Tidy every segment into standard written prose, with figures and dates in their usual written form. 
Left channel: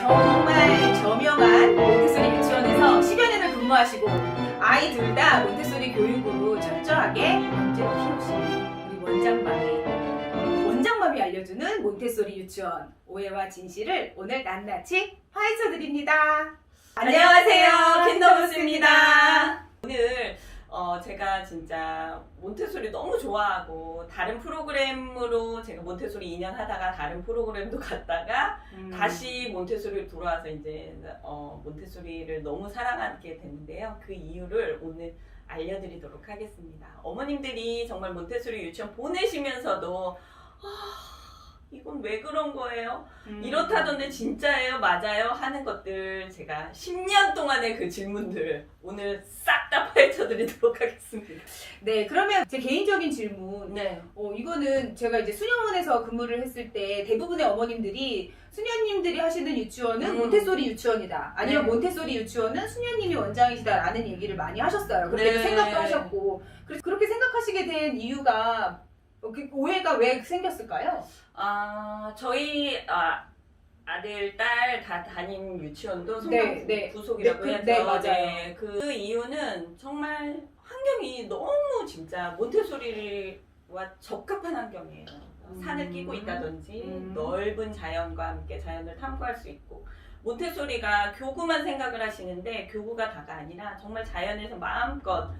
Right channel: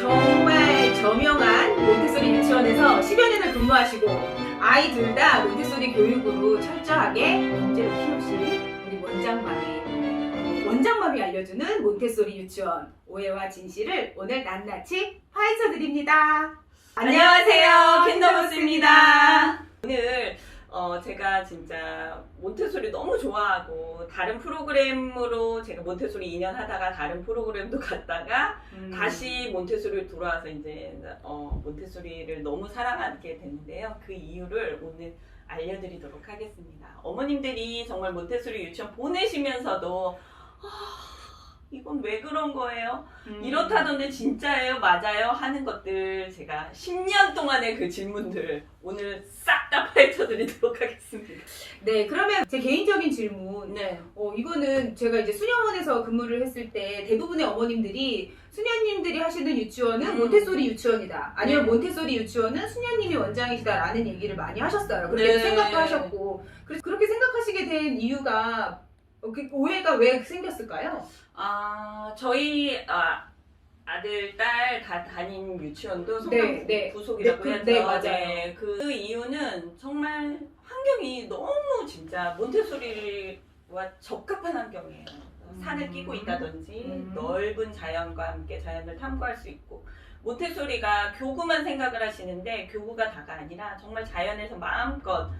정말 저명한 몬테소리 유치원에서 10여 년을 근무하시고 아이 둘 다 몬테소리 교육으로 철저하게 문제로 키우신 우리 원장맘이 알려주는 몬테소리 유치원 오해와 진실을 오늘 낱낱이 파헤쳐 드립니다. 안녕하세요, 킨더버스입니다. 오늘 제가 진짜 몬테소리 너무 좋아하고 다른 프로그램으로 제가 몬테소리 2년 하다가 다른 프로그램도 갔다가 다시 몬테소리로 돌아와서 이제 몬테소리를 너무 사랑하게 됐는데요. 그 이유를 오늘 알려드리도록 하겠습니다. 어머님들이 정말 몬테소리 유치원 보내시면서도 이건 왜 그런 거예요? 이렇다던데 진짜예요? 맞아요? 하는 것들 제가 10년 동안의 그 질문들 오늘 싹 다 파헤쳐 드리도록 하겠습니다. 네, 그러면 제 개인적인 질문. 네. 이거는 제가 이제 수녀원에서 근무를 했을 때 대부분의 어머님들이 수녀님들이 하시는 유치원은 몬테소리 유치원이다. 아니면 몬테소리 유치원은 수녀님이 원장이시다라는 얘기를 많이 하셨어요. 그렇게 생각도 하셨고. 그래서 그렇게 생각하시게 된 이유가 그 오해가 왜 생겼을까요? 저희 아들, 딸 다 다닌 유치원도 네, 네. 부속이라고 네, 해야죠. 네, 맞아요. 네, 그 이유는 정말 환경이 너무 진짜 몬테소리와 적합한 환경이에요. 산을 끼고 있다든지 넓은 자연과 함께 자연을 탐구할 수 있고, 몬테소리가 교구만 생각을 하시는데 교구가 다가 아니라 정말 자연에서 마음껏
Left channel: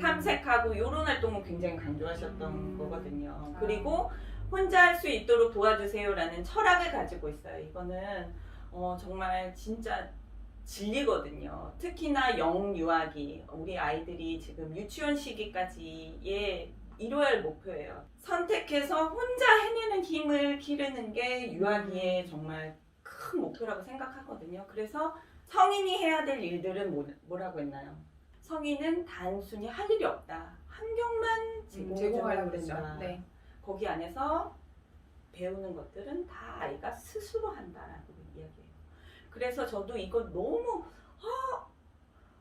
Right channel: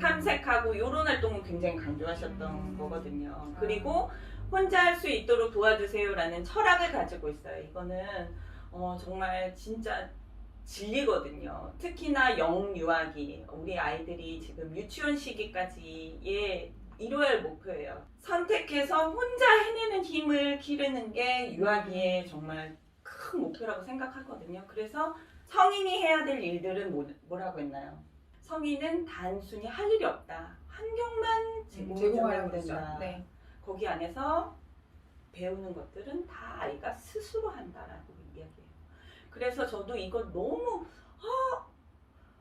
탐색하고 이런 활동을 굉장히 강조하셨던 거거든요. 그리고 혼자 할 수 있도록 도와주세요라는 철학을 가지고 있어요. 이거는 정말 진짜 진리거든요. 특히나 영유아기, 우리 아이들이 지금 유치원 시기까지의 이뤄야 할 목표예요. 선택해서 혼자 해내는 힘을 기르는 게 유아기의 정말 큰 목표라고 생각하거든요. 그래서 성인이 해야 될 일들은 뭐라고 했나요? 성인은 단순히 할 일이 없다. 환경만 제공하려고 된다. 네. 거기 안에서 배우는 것들은 다 아이가 스스로 한다라고 이야기해요. 그래서 저도 이거 너무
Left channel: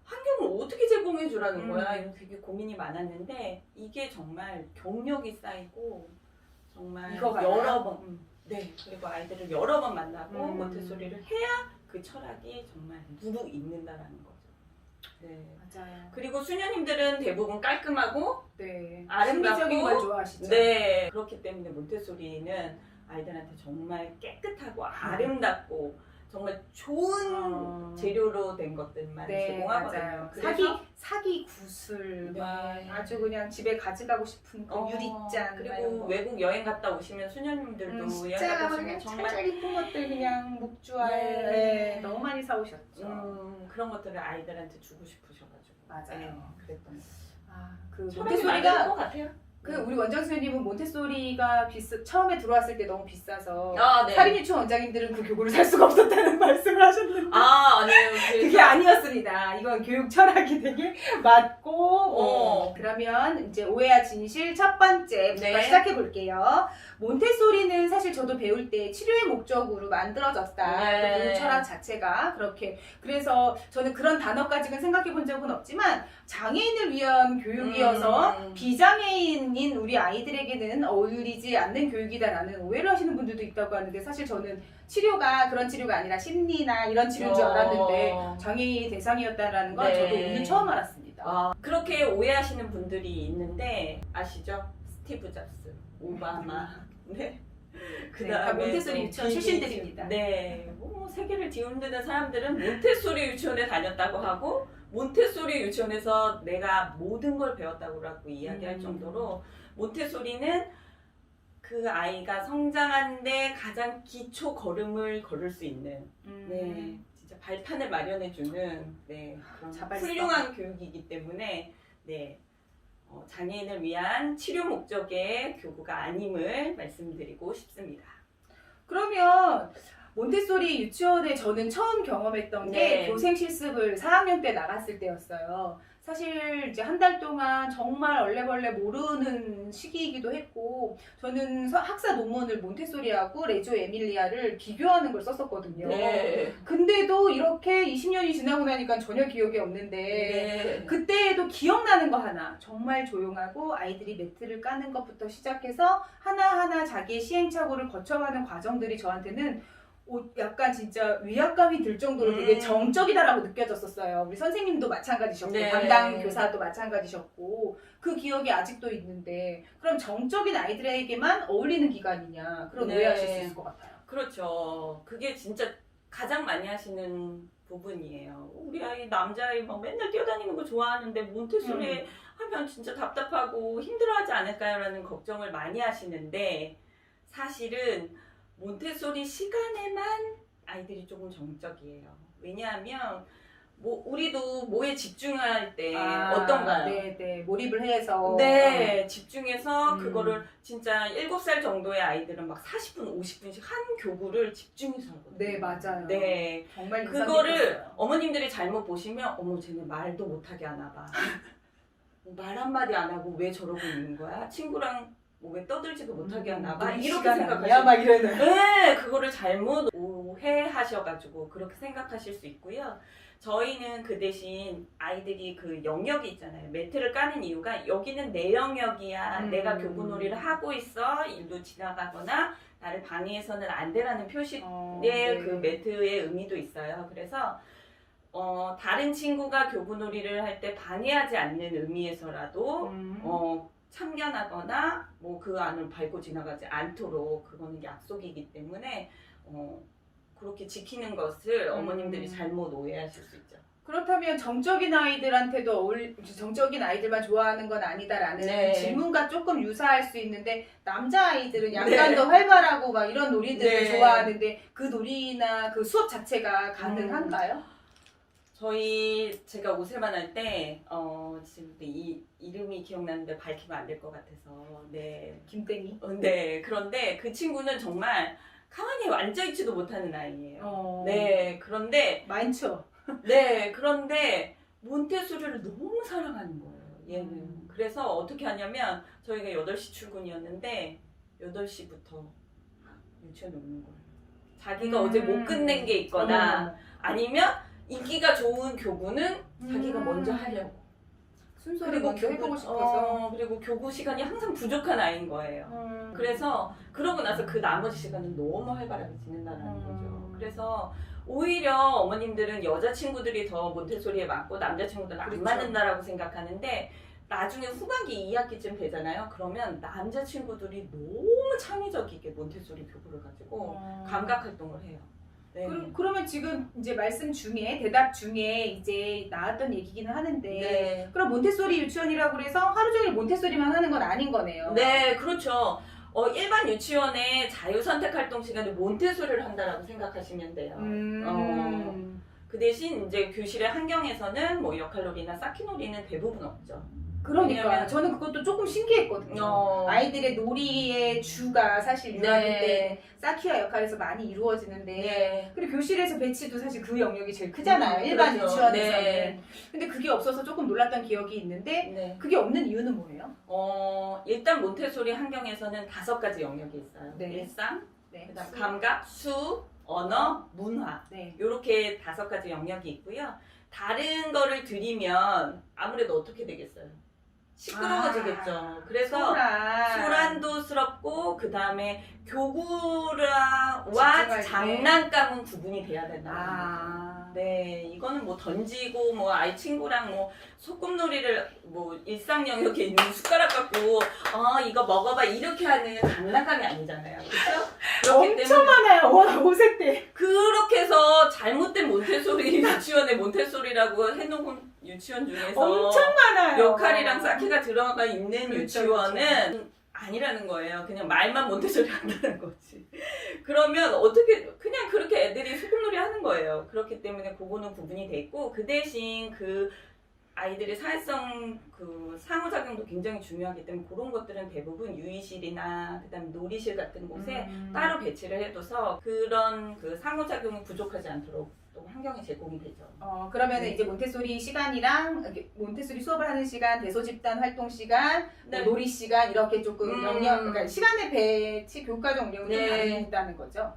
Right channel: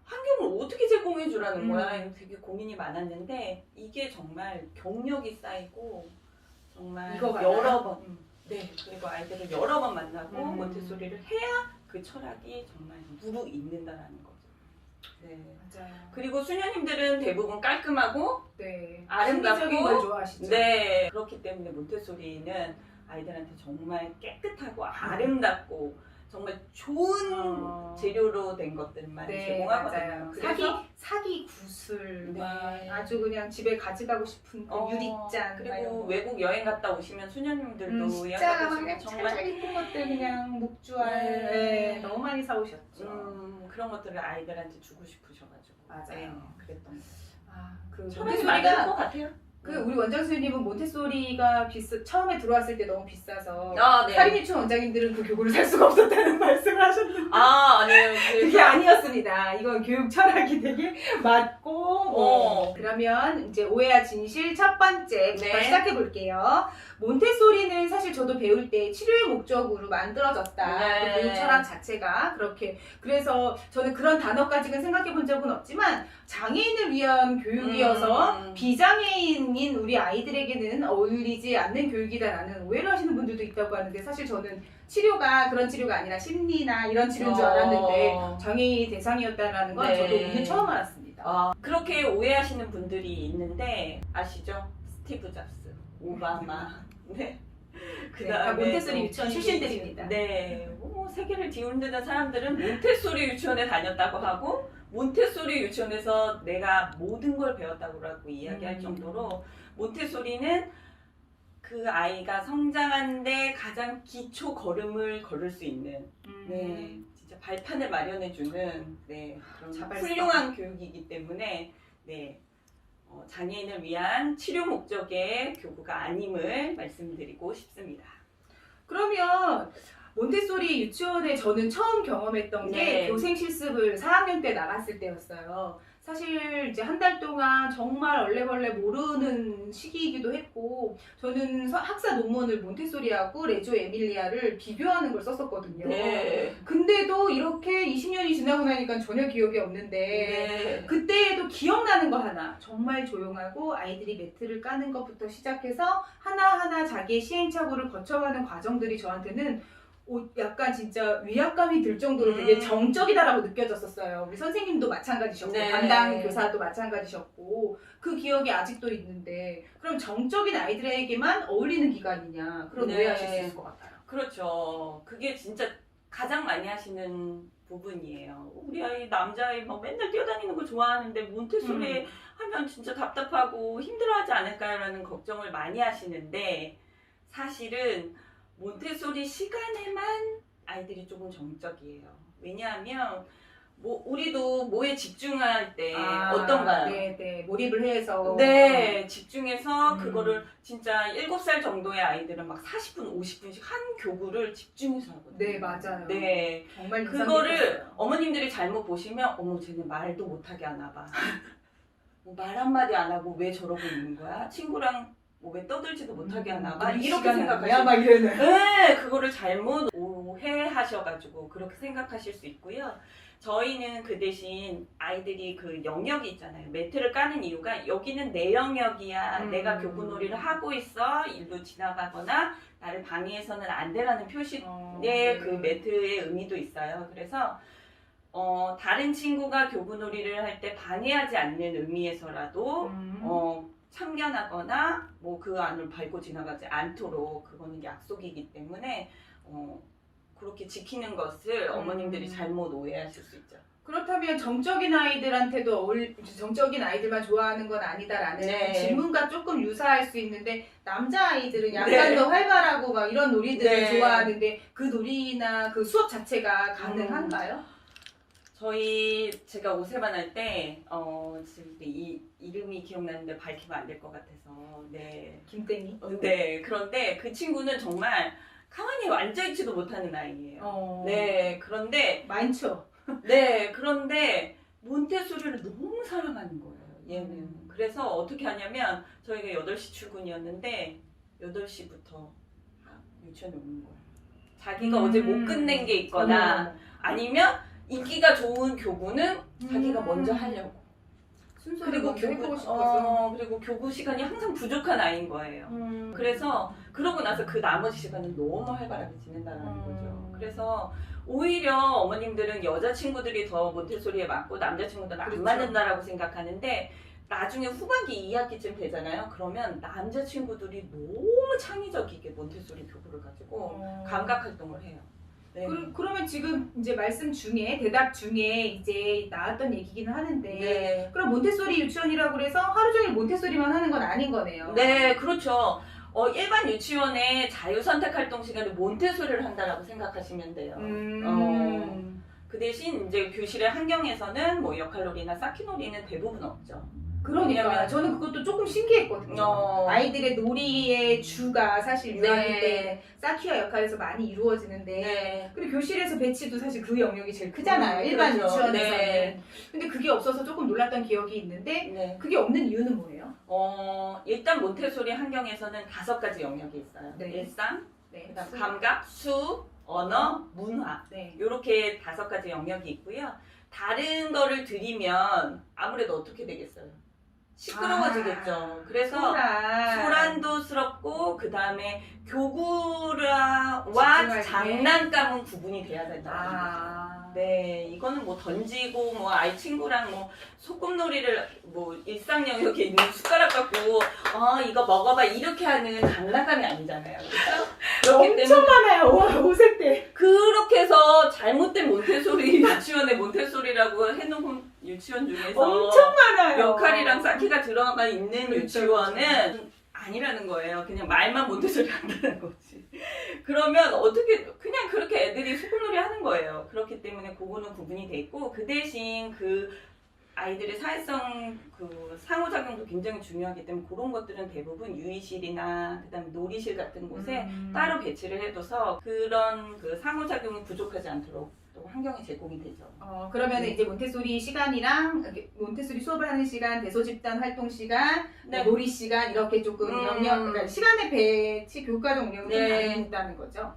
환경을 어떻게 제공해 주라는 거야. 이거 되게 고민이 많았는데 이게 정말 경력이 쌓이고 정말 여러 번 네, 그리고 아이들을 여러 번 만나고 몬테소리를 해야 그 철학이 정말 무르익는다라는 거죠. 네, 맞아요. 그리고 수녀님들은 대부분 깔끔하고 네, 아름답고 신비적인 걸 좋아하시죠. 네, 그렇기 때문에 몬테소리는 아이들한테 정말 깨끗하고 아름답고 정말 좋은 재료로 된 것들만 제공하거든요. 맞아요. 그래서 사기 구슬, 네. 아주 그냥 집에 가져가고 싶은 그 유리잔, 그리고 외국 여행 갔다 오시면 수녀님들도 진짜 정말 이쁜 것들 그냥 목주알 너무 많이 사오셨죠. 그런 것들을 아이들한테 주고 싶으셔가지고 맞아요. 그랬던 거예요. 그 몬테소리가 것 같아요. 우리 원장 선생님은 몬테소리가 처음에 들어왔을 때 너무 비싸서 네. 사립유치원 원장님들은 그 교구를 살 수가 없었다는 말씀을 하셨는데 아니에요. 그게 아니었습니다. 이건 교육 철학이 되게 맞고 그러면 이제 오해와 진실 첫 번째부터 시작해 볼게요. 몬테소리는 사실 저도 배울 때 치료의 목적으로 만들어졌다. 그 교육 철학 자체가 그렇게. 그래서 저는 그런 단어까지는 생각해 본 적은 없지만 장애인을 위한 교육이어서 비장애인인 우리 아이들에게는 어울리지 않는 교육이다라는 오해를 하시는 분들도 있다고 하는데 사실 저는 치료가 그런 치료가 아니라 심리나 이런 치료인 줄 알았는데 장애인이 대상이었다라는 건 저도 오늘 처음 알았습니다. 그렇게 오해하시는 분들이 있는데 아시죠? 스티브 잡스, 오바마 네. 다 몬테소리 유치원 출신들입니다. 네. 세계를 뒤흔드는 사람들은 몬테소리 유치원에 다녔다고 하고 몬테소리 유치원에서 내가 모든 걸 배웠다고 이야기할 정도로 몬테소리는 그 아이가 성장하는데 가장 기초 걸음을 걸을 수 있는 네, 진짜 발판을 마련해주는 그런 훌륭한 교육이기 때문에 장애인을 위한 치료 목적의 교구가 아님을 말씀드리고 싶습니다. 그러면 몬테소리 유치원에 저는 처음 경험했던 게 교생 실습을 4학년 때 나갔을 때였어요. 사실 이제 한 달 동안 정말 얼레벌레 모르는 시기이기도 했고 저는 학사 논문을 몬테소리하고 레조 에밀리아를 비교하는 걸 썼었거든요. 근데도 이렇게 20년이 지나고 나니까 전혀 기억이 없는데 그때에도 기억나는 거 하나, 정말 조용하고 아이들이 매트를 까는 것부터 시작해서 하나하나 자기의 시행착오를 거쳐가는 과정들이 저한테는 약간 진짜 위압감이 들 정도로 되게 정적이다라고 느껴졌었어요. 우리 선생님도 마찬가지셨고 네. 담당 교사도 마찬가지셨고 그 기억이 아직도 있는데 그럼 정적인 아이들에게만 어울리는 기간이냐 그런 네. 오해하실 수 있을 것 같아요. 그렇죠. 그게 진짜 가장 많이 하시는 부분이에요. 우리 아이 남자아이 막 맨날 뛰어다니는 거 좋아하는데 몬테소리 하면 진짜 답답하고 힘들어하지 않을까요라는 걱정을 많이 하시는데 사실은 몬테소리 시간에만 아이들이 조금 정적이에요. 왜냐하면 뭐 우리도 뭐에 집중할 때 어떤가요? 네, 몰입을 해서. 네, 집중해서 그거를 진짜 7살 정도의 아이들은 막 40분, 50분씩 한 교구를 집중해서 하거든요. 네, 맞아요. 네, 정말 그거를 인상깊었어요. 어머님들이 잘못 보시면 어머 쟤네 말도 못하게 하나 봐. 뭐 말 한마디 안 하고 왜 저러고 있는 거야? 친구랑 뭐 왜 떠들지도 못하게 하나 봐. 이렇게 생각하시면 막 이러는. 네, 그거를 잘못 오해하셔가지고 그렇게 생각하실 수 있고요. 저희는 그 대신 아이들이 그 영역이 있잖아요. 매트를 까는 이유가 여기는 내 영역이야. 내가 교구놀이를 하고 있어. 일로 지나가거나 나를 방해해서는 안 돼라는 표시의 네. 그 매트의 의미도 있어요. 그래서 다른 친구가 교구놀이를 할 때 방해하지 않는 의미에서라도 참견하거나 뭐 그 안을 밟고 지나가지 않도록 그거는 약속이기 때문에 그렇게 지키는 것을 어머님들이 잘못 오해하실 수 있죠. 그렇다면 정적인 아이들한테도 정적인 아이들만 좋아하는 건 아니다라는 네. 질문과 조금 유사할 수 있는데 남자 아이들은 약간 네. 더 활발하고 막 이런 놀이들을 네. 좋아하는데 그 놀이나 그 수업 자체가 가능한가요? 제가 오세반 할 때 지금 이름이 기억나는데 밝히면 안 될 것 같아서 네. 김땡이. 네. 그런데 그 친구는 정말 가만히 앉아있지도 못하는 아이예요. 네. 그런데 많죠. 네, 그런데 몬테소리를 너무 사랑하는 거예요, 얘는. 그래서 어떻게 하냐면 저희가 8시 출근이었는데 8시부터 유치원에 오는 거예요. 자기가 어제 못 끝낸 게 있거나 아니면 인기가 좋은 교구는 자기가 먼저 하려고. 순서를 먼저 해보고 싶어서. 그리고 교구 시간이 항상 부족한 아이인 거예요. 그래서 그러고 나서 그 나머지 시간은 너무 활발하게 지낸다는 거죠. 그래서 오히려 어머님들은 여자친구들이 더 몬테소리에 맞고 남자친구들은 안 그렇죠. 맞는다라고 생각하는데 나중에 후반기 2학기쯤 되잖아요. 그러면 남자친구들이 너무 창의적이게 몬테소리 교구를 가지고 감각 활동을 해요. 네. 그러면 지금 이제 말씀 중에 대답 중에 이제 나왔던 얘기기는 하는데 네. 그럼 몬테소리 유치원이라고 그래서 하루 종일 몬테소리만 하는 건 아닌 거네요. 네, 그렇죠. 일반 유치원의 자유선택 활동 시간에 몬테소리를 한다라고 생각하시면 돼요. 그 대신 이제 교실의 환경에서는 뭐 역할놀이나 쌓기놀이는 대부분 없죠. 그러니까 왜냐면- 저는 그것도 조금 신기했거든요. 아이들의 놀이의 주가 사실 유아기 때 쌓기와 역할에서 많이 이루어지는데 네. 그리고 교실에서 배치도 사실 그 영역이 제일 크잖아요. 일반 그렇죠. 유치원에서는. 네. 근데 그게 없어서 조금 놀랐던 기억이 있는데 네. 그게 없는 이유는 뭐예요? 일단 몬테소리 환경에서는 5가지 영역이 있어요. 네. 일상, 네. 그다음 감각, 수, 언어, 문화. 네. 이렇게 5가지 영역이 있고요. 다른 거를 드리면 아무래도 어떻게 되겠어요? 시끄러워지겠죠. 그래서 소란도스럽고 그 다음에 교구와 집중할 때. 장난감은 구분이 돼야 된다. 네, 이거는 뭐 던지고 뭐 아이 친구랑 뭐 소꿉놀이를 뭐 일상 영역에 있는 숟가락 갖고 이거 먹어봐 이렇게 하는 장난감이 아니잖아요. 그렇죠? 엄청 많아요. 와, 5세 때. 그렇게 해서 잘못된 몬테소리 유치원의 몬테소리라고 해놓은 유치원 중에서 엄청 많아요. 역할이랑 쌓기가 들어가 있는 그렇죠, 유치원은 아니라는 거예요. 그냥 말만 몬테소리 한다는 거지. 그러면 어떻게 그냥 그렇게 애들이 소꿉놀이 하는 거예요. 그렇기 때문에 그거는 구분이 돼 있고 그 대신 그 아이들의 사회성 그 상호작용도 굉장히 중요하기 때문에 그런 것들은 대부분 유의실이나 그다음에 놀이실 같은 곳에 따로 배치를 해둬서 그런 그 상호작용이 부족하지 않도록 또 환경이 제공이 되죠. 그러면 이제 몬테소리 시간이랑 몬테소리 수업을 하는 시간, 대소집단 활동 시간, 네. 놀이 시간 이렇게 조금 그러니까 시간의 배치 교과적 운영이 좀 다르다는 거죠.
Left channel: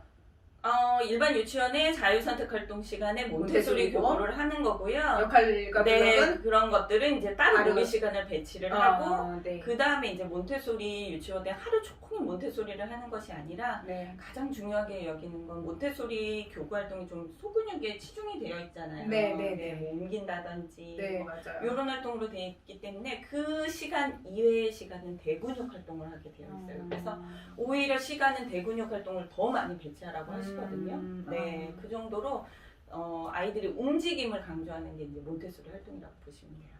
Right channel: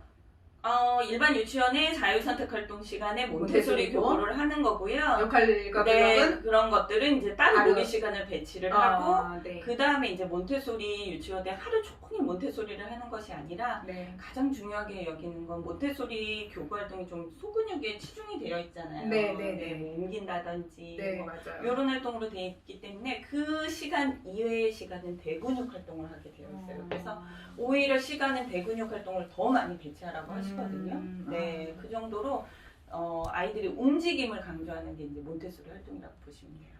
일반 유치원의 자유선택활동 시간에 몬테소리 몬테소리고. 교구를 하는 거고요. 역할과 네, 블록은 그런 것들은 이제 따로 다른- 놀이 시간을 배치를 하고 네. 그 다음에 이제 몬테소리 유치원에 하루 종일 몬테소리를 하는 것이 아니라 네. 가장 중요하게 여기는 건 몬테소리 교구 활동이 좀 소근육에 치중이 되어 있잖아요. 네, 네, 네. 뭐 옮긴다든지 네, 뭐 맞아요. 이런 활동으로 되어 있기 때문에 그 시간 이외의 시간은 대근육 활동을 하게 되어 있어요. 그래서 오히려 시간은 대근육 활동을 더 많이 배치하라고 하시거든요. 네, 그 정도로 아이들이 움직임을 강조하는 게 이제 몬테소리 활동이라고 보시면 돼요.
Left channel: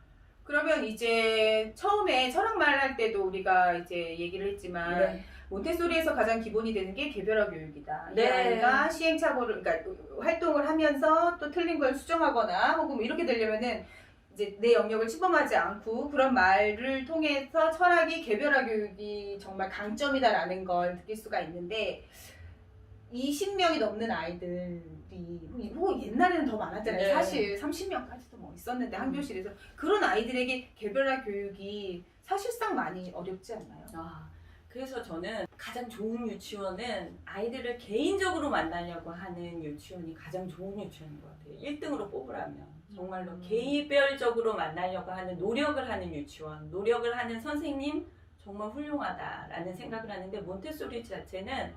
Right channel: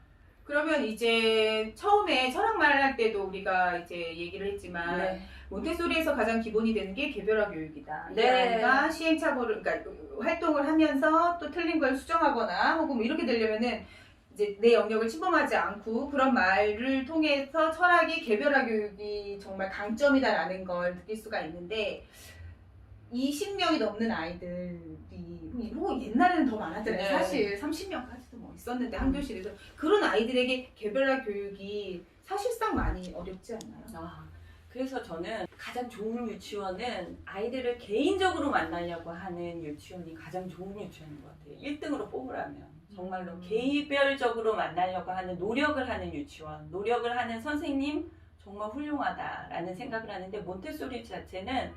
그러면 이제 처음에 철학말 할 때도 우리가 이제 얘기를 했지만 네. 몬테소리에서 가장 기본이 되는 게 개별화 교육이다. 이 네. 아이가 시행착오를, 그러니까 활동을 하면서 또 틀린 걸 수정하거나 혹은 뭐 이렇게 되려면은 이제 내 영역을 침범하지 않고 그런 말을 통해서 철학이 개별화 교육이 정말 강점이다라는 걸 느낄 수가 있는데 20명이 넘는 아이들이 혹은 옛날에는 더 많았잖아요. 네. 사실 30명까지도 뭐 있었는데 한 교실에서 그런 아이들에게 개별화 교육이 사실상 많이 어렵지 않나요? 그래서 저는 가장 좋은 유치원은 아이들을 개인적으로 만나려고 하는 유치원이 가장 좋은 유치원인 것 같아요. 1등으로 뽑으라면 정말로 개별적으로 만나려고 하는 노력을 하는 유치원, 노력을 하는 선생님 정말 훌륭하다라는 생각을 하는데 몬테소리 자체는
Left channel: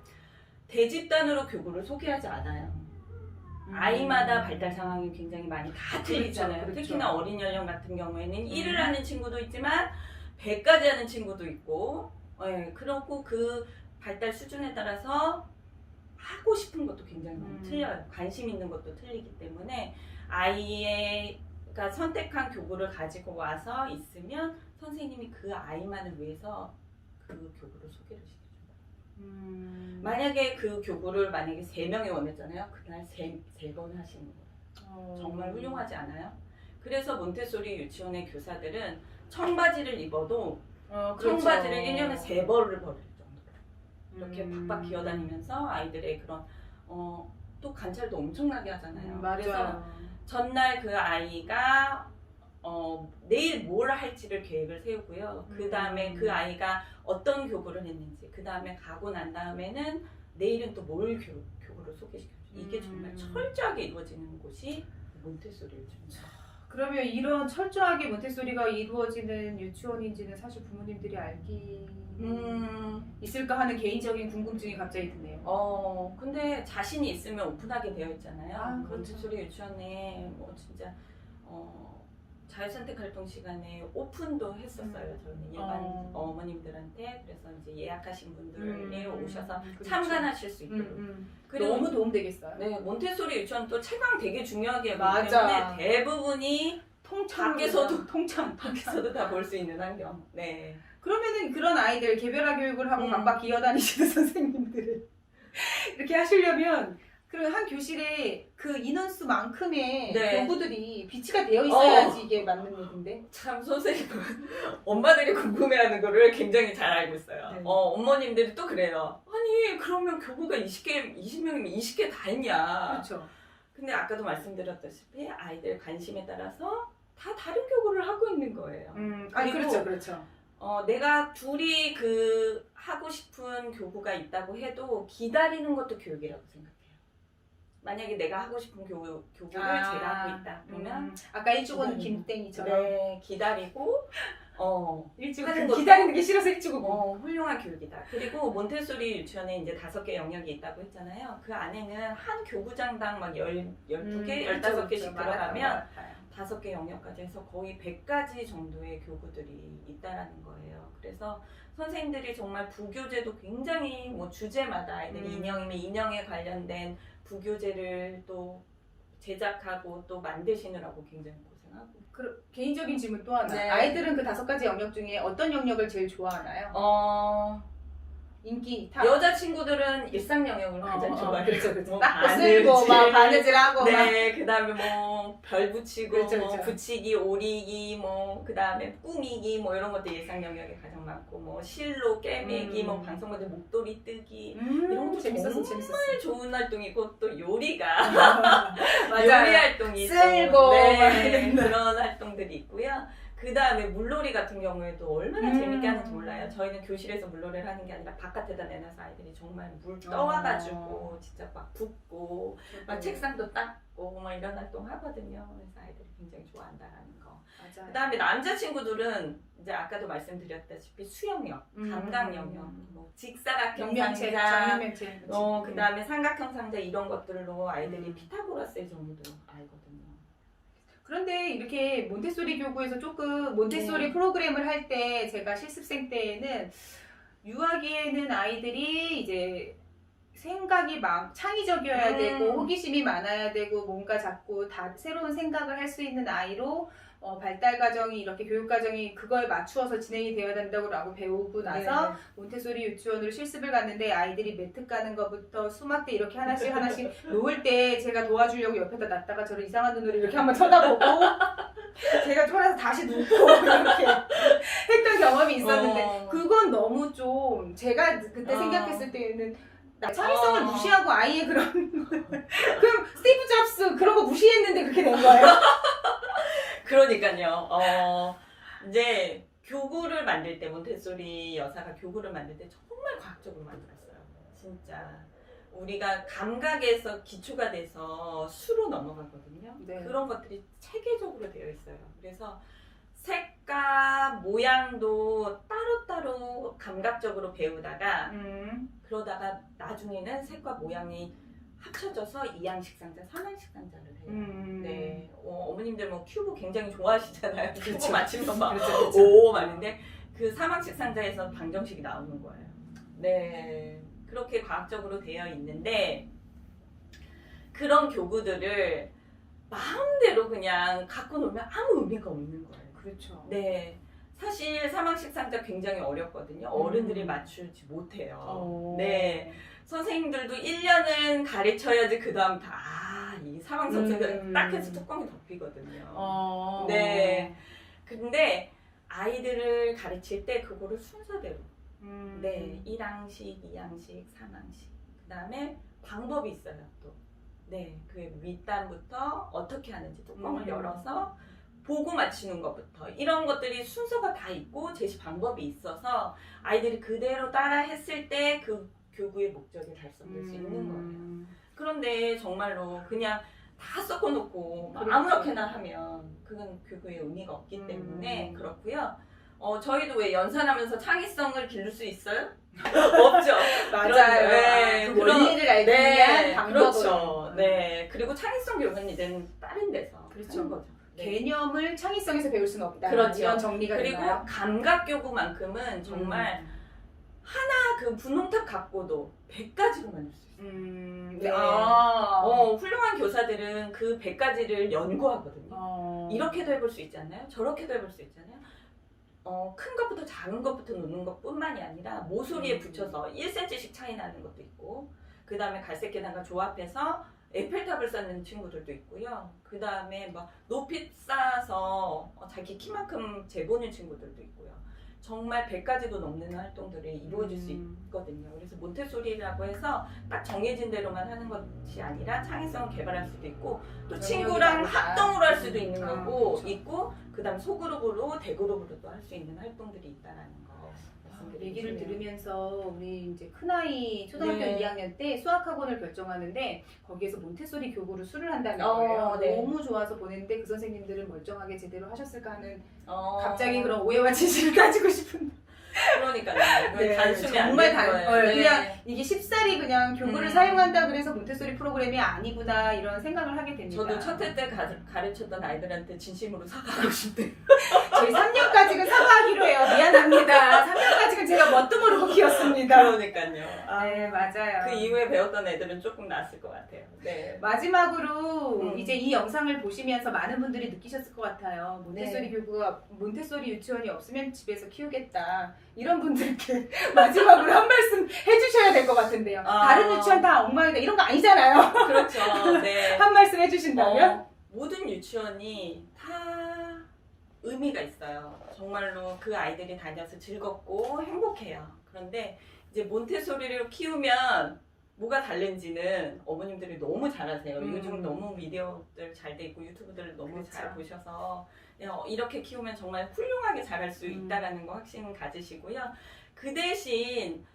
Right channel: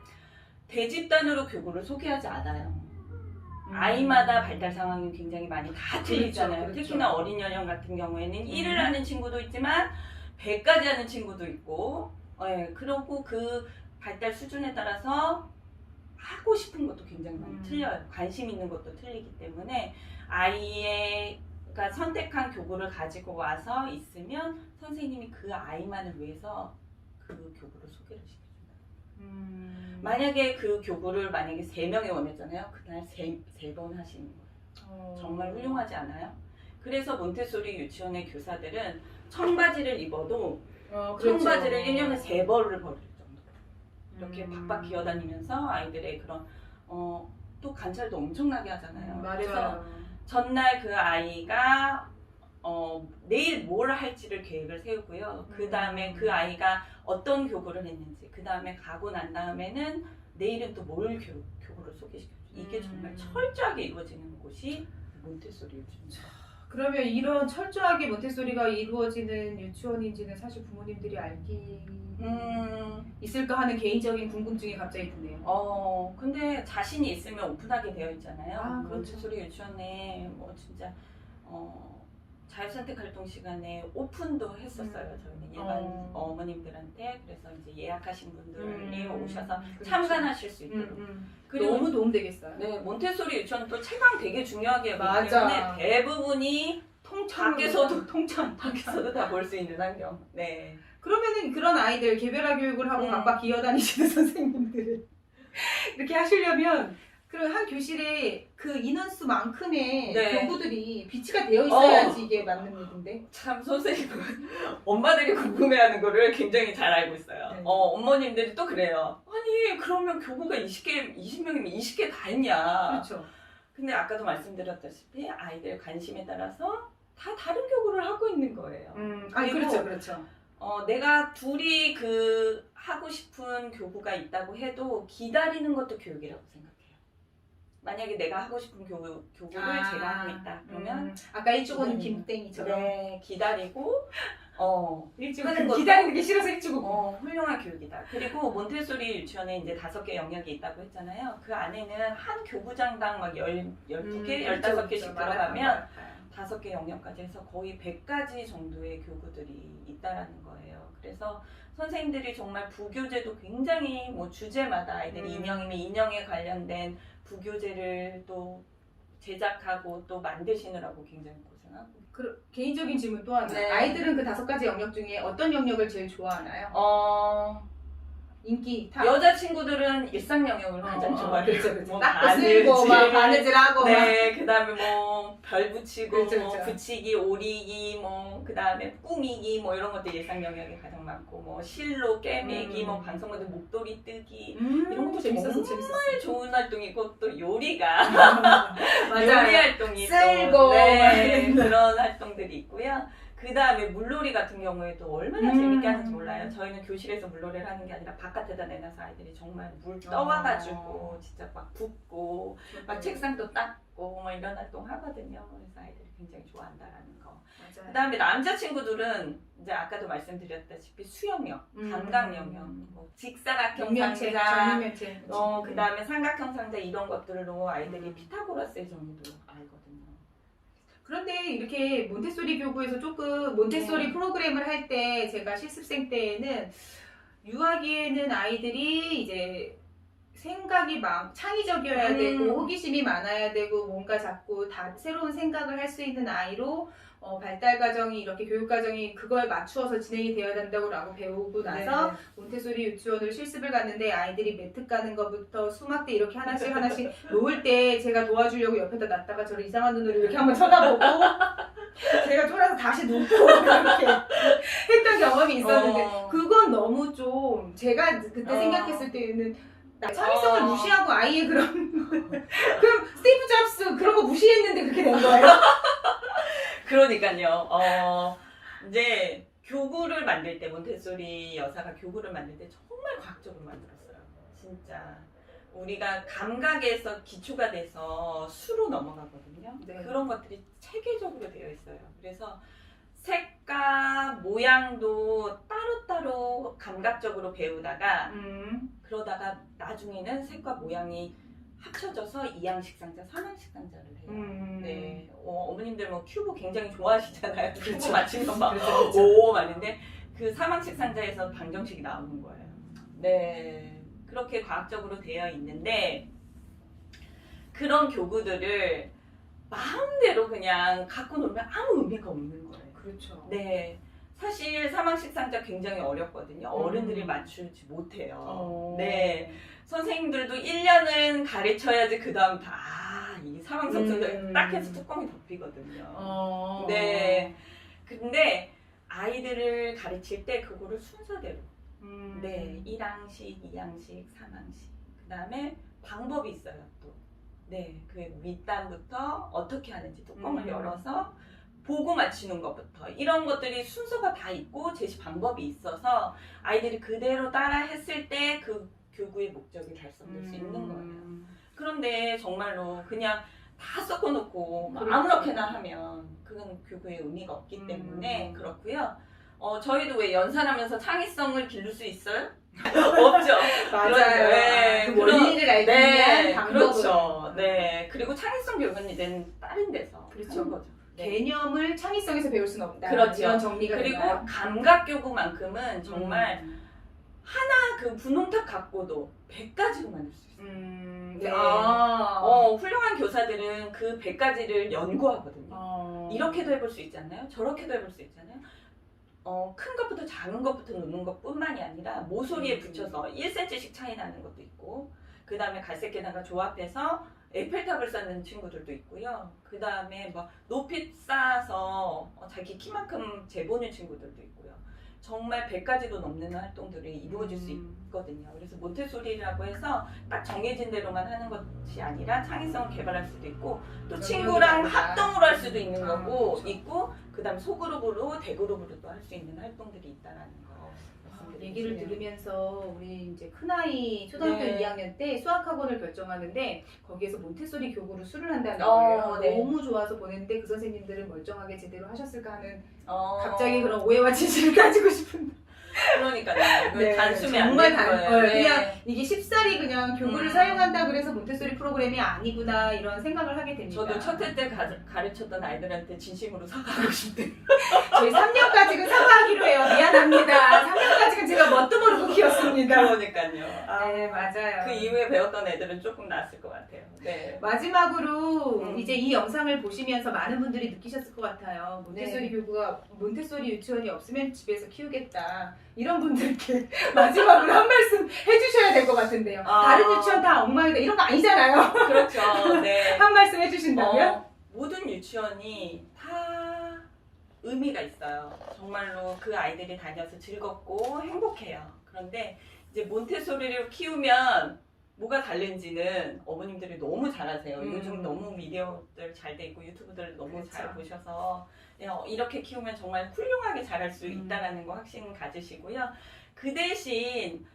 대집단으로 교구를 소개하지 않아요. 아이마다 발달 상황이 굉장히 많이 다 틀리잖아요. 그렇죠. 특히나 어린 연령 같은 경우에는 1을 하는 친구도 있지만 100까지 하는 친구도 있고 그렇고 그 발달 수준에 따라서 하고 싶은 것도 굉장히 많이 틀려요. 관심 있는 것도 틀리기 때문에 아이가 선택한 교구를 가지고 와서 있으면 선생님이 그 아이만을 위해서 그 교구를 소개를 시켜줘요. 만약에 그 교구를 만약에 3명이 원했잖아요. 그날 3번 하시는 거예요. 정말 훌륭하지 않아요? 그래서 몬테소리 유치원의 교사들은 청바지를 입어도 그렇죠. 청바지를 1년에 3벌을 버릴 정도로 이렇게 박박 기어다니면서 아이들의 그런 또 관찰도 엄청나게 하잖아요. 그래서 맞아요. 전날 그 아이가 내일 뭘 할지를 계획을 세우고요. 그 다음에 그 아이가 어떤 교구를 했는지, 그 다음에 가고 난 다음에는 내일은 또 뭘 교구를 소개시켜줘. 이게 정말 철저하게 이루어지는 곳이 몬테소리 유치원입니다. 그러면 이런 철저하게 몬테소리가 이루어지는 유치원인지는 사실 부모님들이 알기 있을까 하는 개인적인 궁금증이 갑자기 드네요. 근데 자신이 있으면 오픈하게 되어 있잖아요. 그렇죠. 몬테소리 유치원에 뭐 진짜 자유선택 활동 시간에 오픈도 했었어요. 저희는 일반 어머님들한테. 그래서 이제 예약하신 분들이 오셔서 그렇죠. 참관하실 수 있도록. 그리고 너무 도움되겠어요. 네, 몬테소리 유치원 또 채광 되게 중요하게 여기기 맞아. 때문에 대부분이 통창. 밖에서도 다 볼 수 있는 환경. 네. 그러면은 그런 아이들 개별화 교육을 하고 음. 박박 기어다니시는 선생님들을 이렇게 하시려면 그 한 교실에 그 인원수만큼의 네. 교구들이 비치가 되어 있어야지 이게 맞는 일인데. 참 선생님은 엄마들이 궁금해하는 거를 굉장히 잘 알고 있어요. 네. 어머님들이 또 그래요. 아니 그러면 교구가 20명이면 20개 다 했냐. 그렇죠. 근데 아까도 말씀드렸다시피 아이들 관심에 따라서 다 다른 교구를 하고 있는 거예요. 아니 그리고 그렇죠. 내가 둘이 그 하고 싶은 교구가 있다고 해도 기다리는 것도 교육이라고 생각해요. 만약에 내가 하고 싶은 교구를 제가 하고 있다 그러면 아까 일주고는 기다리는 김땡이처럼 네, 기다리고 일주고 하는 것도- 기다리는 게 싫어서 일주고. 훌륭한 교육이다. 그리고 몬테소리 유치원에 이제 5개 영역이 있다고 했잖아요. 그 안에는 한 교구장당 막 12개, 15개씩 들어가면 5개 영역까지 해서 거의 100가지 정도의 교구들이 있다라는 거예요. 그래서 선생님들이 정말 부교재도 굉장히 뭐 주제마다 아이들이 인형이면 인형에 관련된 부교재를 또 제작하고 또 만드시느라고 굉장히 고생하고. 개인적인 질문 또 하나. 네. 아이들은 그 5가지 영역 중에 어떤 영역을 제일 좋아하나요? 인기 탑. 여자친구들은 일상 영역을 가장 좋아해요. 그렇죠. 뭐 닦고 바느질, 쓸고 막 바느질하고 막. 네, 그다음에 뭐 별 붙이고 그렇죠, 뭐 그렇죠. 붙이기, 오리기, 뭐 그다음에 꾸미기 뭐 이런 것들 예상 영역에 가장 많고 뭐 실로 깨매기, 뭐 방송모델 목도리 뜨기 이런 것도 재밌었어. 정말 좋은 활동이고 또 요리가 요리 맞아요. 활동이 쓸고 또, 막 네, 이런 거. 그런 활동들이 있고요. 그 그 다음에 물놀이 같은 경우에도 얼마나 재밌게 하는지 몰라요. 저희는 교실에서 물놀이를 하는 게 아니라 바깥에다 내놔서 아이들이 정말 물 떠와가지고 진짜 막 붓고 막 책상도 닦고 막 이런 활동 하거든요. 그래서 아이들이 굉장히 좋아한다라는 거. 맞아요. 그 다음에 남자친구들은 이제 아까도 말씀드렸다시피 수영력, 감각 영역, 뭐 직사각형 육면체, 상자, 정육면체. 그 다음에 삼각형 상자 이런 것들로 아이들이 피타고라스의 정의도 알거든요. 그런데 이렇게 몬테소리 교구에서 조금 몬테소리 네. 프로그램을 할 때 제가 실습생 때에는 유아기에는 아이들이 이제 생각이 창의적이어야 되고 호기심이 많아야 되고 뭔가 자꾸 다 새로운 생각을 할 수 있는 아이로 발달 과정이 이렇게 교육 과정이 그거에 맞추어서 진행이 되어야 된다고 배우고 나서 네. 몬테소리 유치원으로 실습을 갔는데 아이들이 매트 까는 것부터 수막대 이렇게 하나씩 놓을 때 제가 도와주려고 옆에다 놨다가 저를 이상한 눈으로 이렇게 한번 쳐다보고 제가 쫄아서 다시 눕고 이렇게 했던 경험이 있었는데 그건 너무 좀 제가 그때 생각했을 때는 창의성을 무시하고 아이의 그런 그럼 스티브 잡스 그런 거 무시했는데 그렇게 된 거예요? 그러니까요. 이제 교구를 만들 때 몬테소리 여사가 교구를 만들 때 정말 과학적으로 만들었어요. 진짜 우리가 감각에서 기초가 돼서 수로 넘어가거든요. 네. 그런 것들이 체계적으로 되어 있어요. 그래서 색과 모양도 따로따로 감각적으로 배우다가 그러다가 나중에는 색과 모양이 합쳐져서 이양식 상자, 삼양식 상자를 해요. 네, 어머님들 뭐 큐브 굉장히 좋아하시잖아요. 큐브 맞추면 막 오 맞는데 그 삼양식 상자에서 방정식이 나오는 거예요. 네, 그렇게 과학적으로 되어 있는데 그런 교구들을 마음대로 그냥 갖고 놀면 아무 의미가 없는 거예요. 그렇죠. 네. 사실 삼양식 상자 굉장히 어렵거든요. 어른들이 맞추지 못해요. 네. 선생님들도 1년은 가르쳐야지 그 다음 이 삼양식 상자 딱 해서 뚜껑이 덮이거든요. 네. 근데 아이들을 가르칠 때 그거를 순서대로 네. 1항식, 2항식, 3항식 그 다음에 방법이 있어요 또. 네. 그 윗단부터 어떻게 하는지 뚜껑을 열어서 보고 맞히는 것부터 이런 것들이 순서가 다 있고 제시 방법이 있어서 아이들이 그대로 따라 했을 때 그 교구의 목적이 달성될 수 있는 거예요. 그런데 정말로 그냥 다 섞어놓고 아무렇게나 하면 그건 교구의 의미가 없기 때문에 그렇고요. 저희도 왜 연산하면서 창의성을 기를 수 있어요? 없죠. 맞아요. 네. 그 원리를 알기 위한 방법으로. 그렇죠. 네. 그리고 창의성 교육은 이제는 다른 데서 그렇죠. 하는 거죠. 네. 개념을 창의성에서 배울 수는 없다. 그렇죠. 이런 정리가 그리고 되나요? 감각 교구만큼은 정말 하나 그 분홍탑 갖고도 100가지로 만들 수 있어요. 네. 훌륭한 교사들은 그 100가지를 연구하거든요. 이렇게도 해볼 수 있잖아요. 저렇게도 해볼 수 있잖아요. 큰 것부터 작은 것부터 놓는 것뿐만이 아니라 모서리에 붙여서 1cm씩 차이 나는 것도 있고 그 다음에 갈색 계단과 조합해서 에펠탑을 쌓는 친구들도 있고요. 그 다음에 막 높이 쌓아서 자기 키만큼 재보는 친구들도 있고요. 정말 100가지도 넘는 활동들이 이루어질 수 있거든요. 그래서 몬테소리라고 해서 딱 정해진 대로만 하는 것이 아니라 창의성을 개발할 수도 있고 또 친구랑 합동으로 할 수도 있는 거고 그렇죠. 있고 그 다음에 소그룹으로 대그룹으로도 할 수 있는 활동들이 있다라는 거. 얘기를 들으면서 우리 이제 큰아이 초등학교 네. 2학년 때 수학학원을 결정하는데 거기에서 몬테소리 교구로 수를 한다는 어, 거예요. 네. 너무 좋아서 보냈는데 그 선생님들은 멀쩡하게 제대로 하셨을까 하는 갑자기 그런 오해와 지식을 가지고 싶은. 그러니까요. 네, 단순히 정말 거예요. 그냥 이게 쉽사리 그냥 교구를 음. 사용한다 그래서 몬테소리 프로그램이 아니구나 이런 생각을 하게 됩니다. 저도 첫 해 때 가르쳤던 아이들한테 진심으로 사과하고 싶대요. 저희 3년까지는 사과하기로 해요. 미안합니다. 3년까지는 제가 뭣도 모르고 키웠습니다. 그러니까요. 네, 맞아요. 그 이후에 배웠던 애들은 조금 나았을 것 같아요. 네. 마지막으로 이제 이 영상을 보시면서 많은 분들이 느끼셨을 것 같아요. 몬테소리 네. 교구가 몬테소리 유치원이 없으면 집에서 키우겠다. 이런 분들께 마지막으로 한 말씀 해주셔야 될 것 같은데요. 다른 유치원 다 엉망이다 이런 거 아니잖아요. 그렇죠. 네. 한 말씀 해주신다면? 모든 유치원이 다 의미가 있어요. 정말로 그 아이들이 다녀서 즐겁고 행복해요. 그런데 이제 몬테소리를 키우면 뭐가 다른지는 어머님들이 너무 잘하세요. 음. 요즘 너무 미디어들 잘 돼 있고 유튜브들 너무 그렇죠. 잘 보셔서 이렇게 키우면 정말 훌륭하게 자랄 수 음. 있다라는 거 확신 가지시고요. 그 대신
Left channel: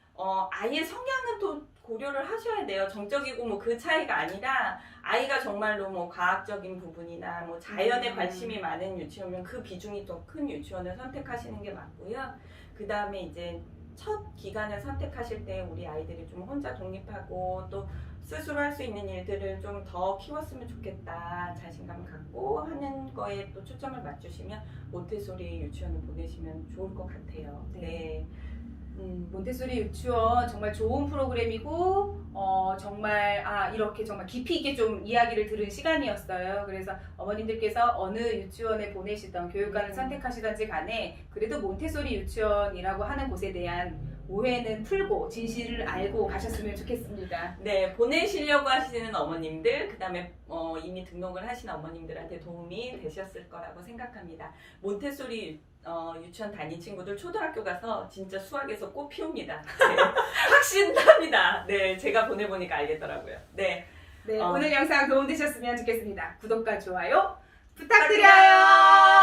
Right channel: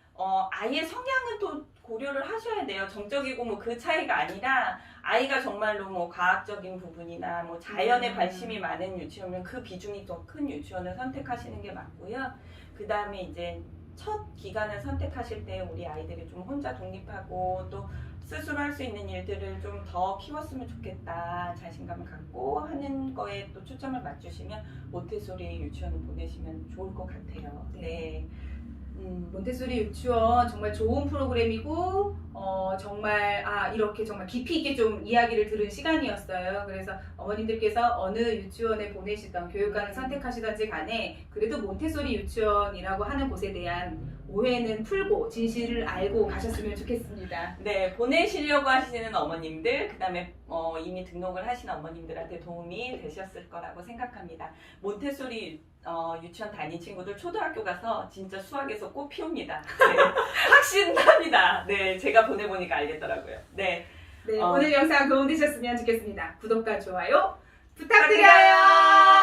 아이의 성향은 또 고려를 하셔야 돼요. 정적이고 뭐 그 차이가 아니라 아이가 정말로 뭐 과학적인 부분이나 뭐 자연에 관심이 많은 유치원이면 그 비중이 더 큰 유치원을 선택하시는 게 맞고요. 그 다음에 이제 첫 기간을 선택하실 때 우리 아이들이 좀 혼자 독립하고 또 스스로 할 수 있는 일들을 좀 더 키웠으면 좋겠다 자신감을 갖고 하는 거에 또 초점을 맞추시면 몬테소리 유치원을 보내시면 좋을 것 같아요. 네. 몬테소리 유치원 정말 좋은 프로그램이고 정말 이렇게 정말 깊이 있게 좀 이야기를 들은 시간이었어요. 그래서 어머님들께서 어느 유치원에 보내시던 교육관을 선택하시던지 간에 그래도 몬테소리 유치원이라고 하는 곳에 대한 오해는 풀고 진실을 알고 가셨으면 좋겠습니다. 네, 보내시려고 하시는 어머님들, 그 다음에 이미 등록을 하신 어머님들한테 도움이 되셨을 거라고 생각합니다. 몬테소리 유치원 다닌 친구들 초등학교 가서 진짜 수학에서 꽃 피웁니다. 네, 확신합니다. 네, 제가 보내보니까 알겠더라고요. 네, 네, 오늘 영상 도움되셨으면 좋겠습니다. 구독과 좋아요 부탁드려요.